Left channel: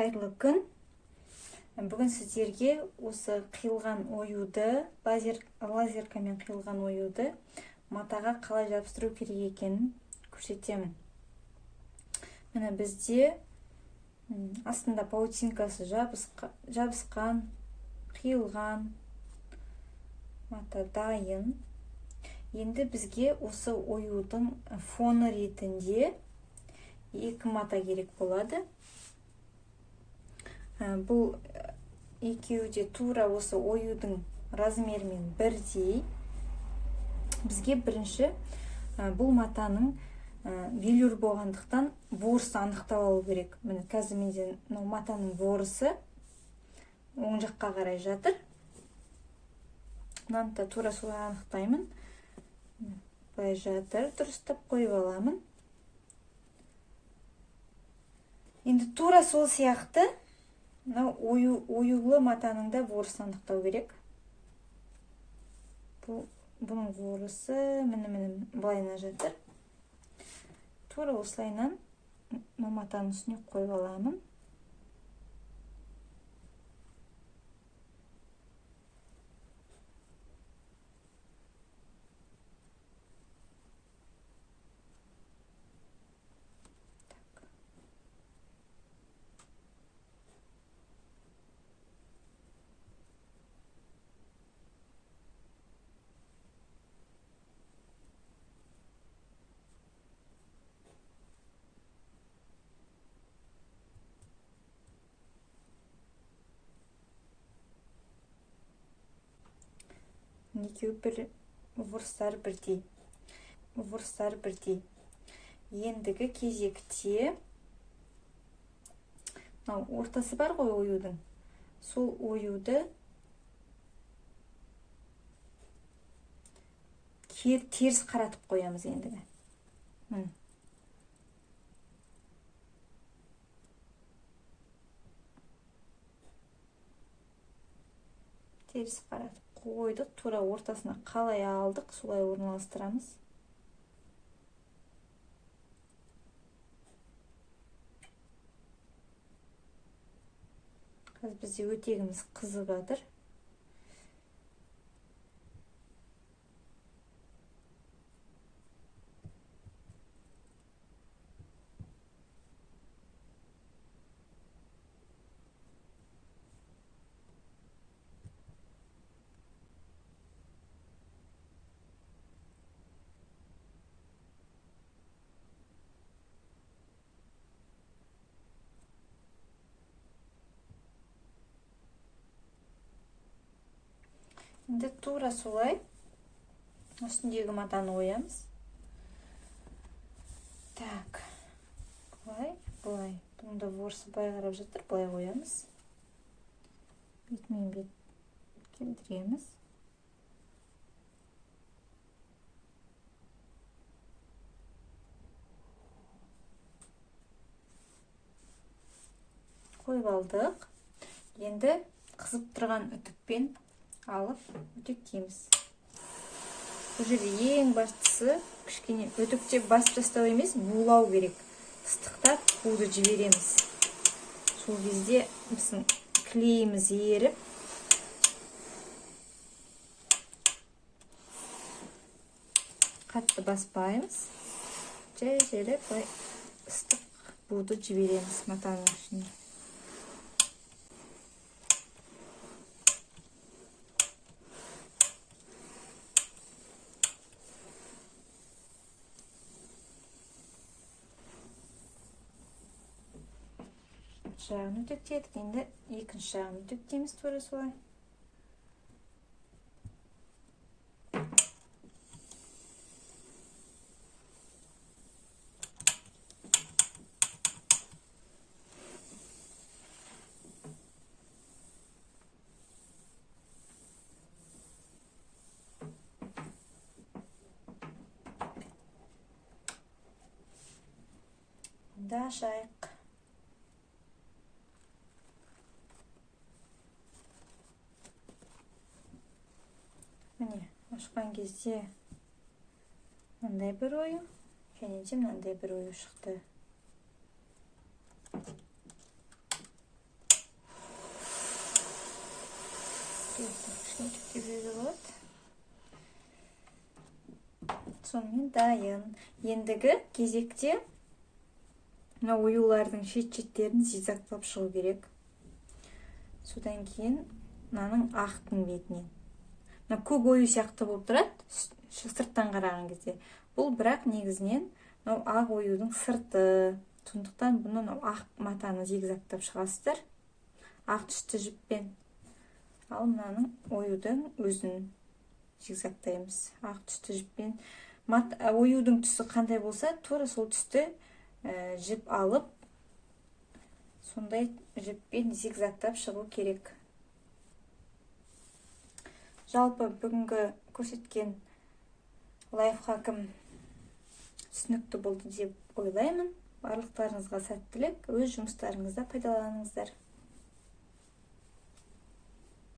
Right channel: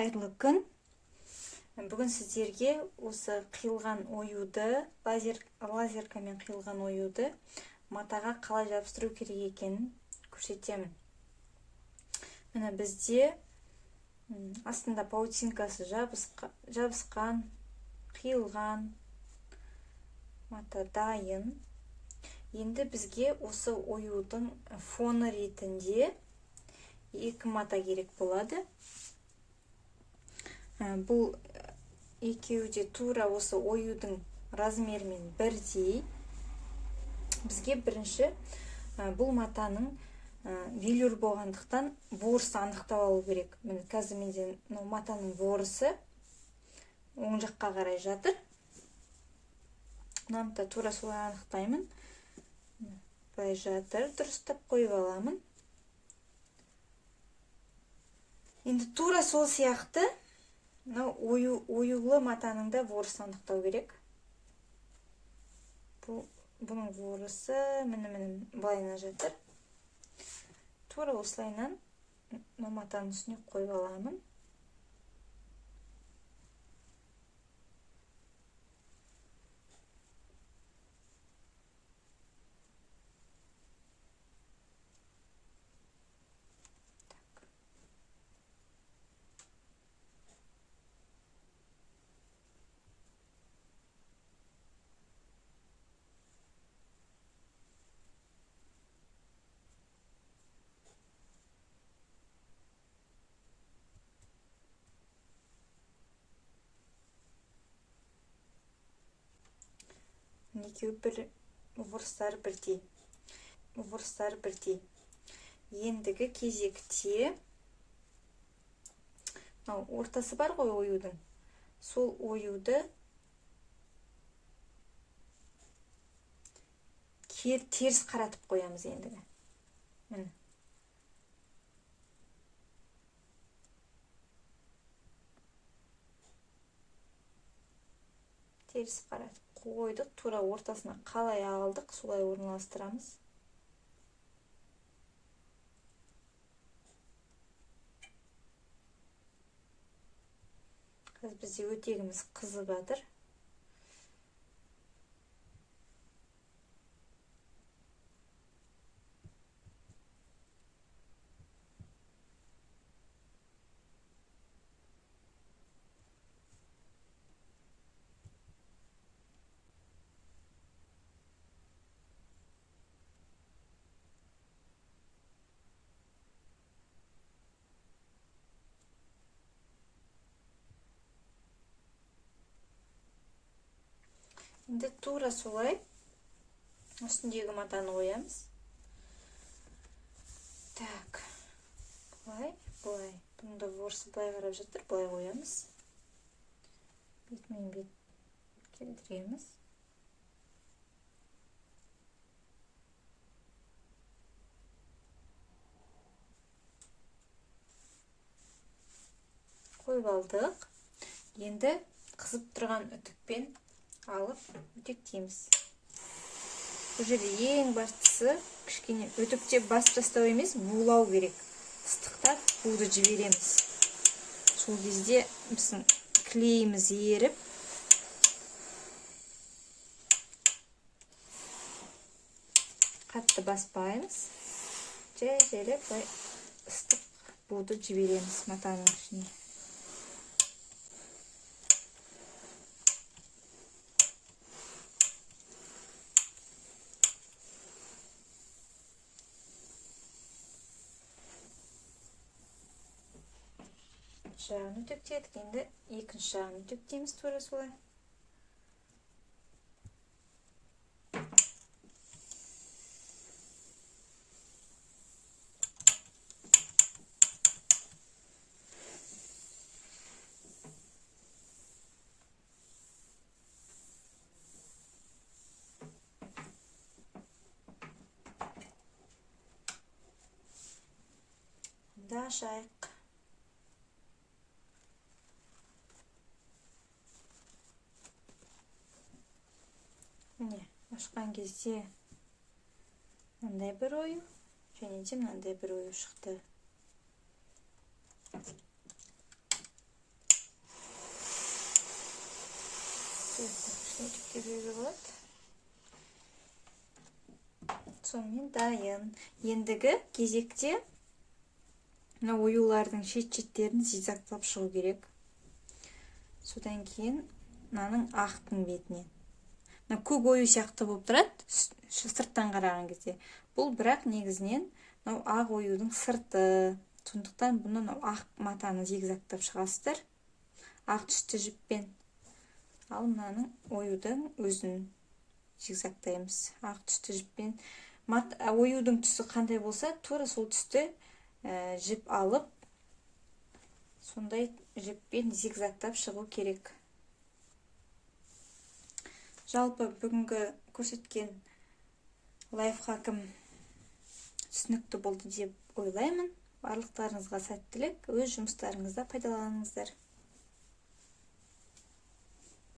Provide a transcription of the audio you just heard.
Қайырлы күн. Бүгін сіздерге осы қиылған оюды, лазеркамен қиылған оюды матаға қалай жабыстыру керек екенін көрсетемін. Міне бізде астында паутинкасы жабысқан, қиылған мата дайын. Енді бізге осы оюдың фоны ретінде екі мата керек болады. Бұл екеуі де тура осы оюдың размерімен бірдей. Бізге бірінші бұл матаның велюр болғандықтан ворысы анықталу керек. Міне қазір менде матаның ворысы оң жаққа қарай жатыр. Мынаны да тура солай анықтаймын. Былай жатыр, дұрыстап қойып аламын. Енді тура сол сияқты оюлы матаның да ворысын анықтау керек. Бұның ворысы міне былайына жатыр. Тура осылайынан матаның үстіне қойып аламын. Екеуі ворыстары бірдей. Ендігі кезекте ортасы бар ғой оюдың. Сол оюды теріс қаратып қоямыз ендігі. Теріс қаратып қойдық, тура ортасына қалай алдық, солай орналастырамыз. Қазір бізде өтегіміз қызып жатыр. Енді тура солай үстіндегі матаны оямыз. Так, былай. Бұның да ворысы былай қарап жатыр, былай оямыз. Бетмен бет келтіреміз. Қойып алдық. Енді қызып тұрған үтікпен алып үтіктейміз. Бұл жерде ең бастысы кішкене үтікте басып тастау емес, булау керек. Ыстықтап буды жібереміз. Сол кезде біздің клейіміз еріп, қатты баспаймыз. Жай-жайлап ыстық буды жібереміз матаның ішіне. Жағын үтіктедік, енді екінші жағын үтіктейміз тура солай. Енді ашайық. Міне, ашқан кезде мынандай бір ою, және де мынандай бір ою шықты. өтүкке беруге болады. Сонымен дайын. Ендігі кезекте мына оюлардың шет-шеттерін зигзагтап шығу керек. Содан кейін мынаның ақтың бетінен. Мына көк ою сияқты болып тұрады, сырттан қараған кезде. Бұл бірақ негізінен мынау ақ оюдың сырты. Сондықтан бұны ақ матаны зигзагтап шығасыздар. Ақ түсті жіппен. Ал мынаның оюдың өзін зигзагтаймыз. Ақ түсті жіппен. Оюдың түсі қандай болса, тура сол түсті жіп алып, сондай жіппен зигзагтап шығу керек. Жалпы бүгінгі көрсеткен лайфхакым түсінікті болды деп ойлаймын. Барлықтарыңызға сәттілік, өз жұмыстарыңызда пайдаланыңыздар.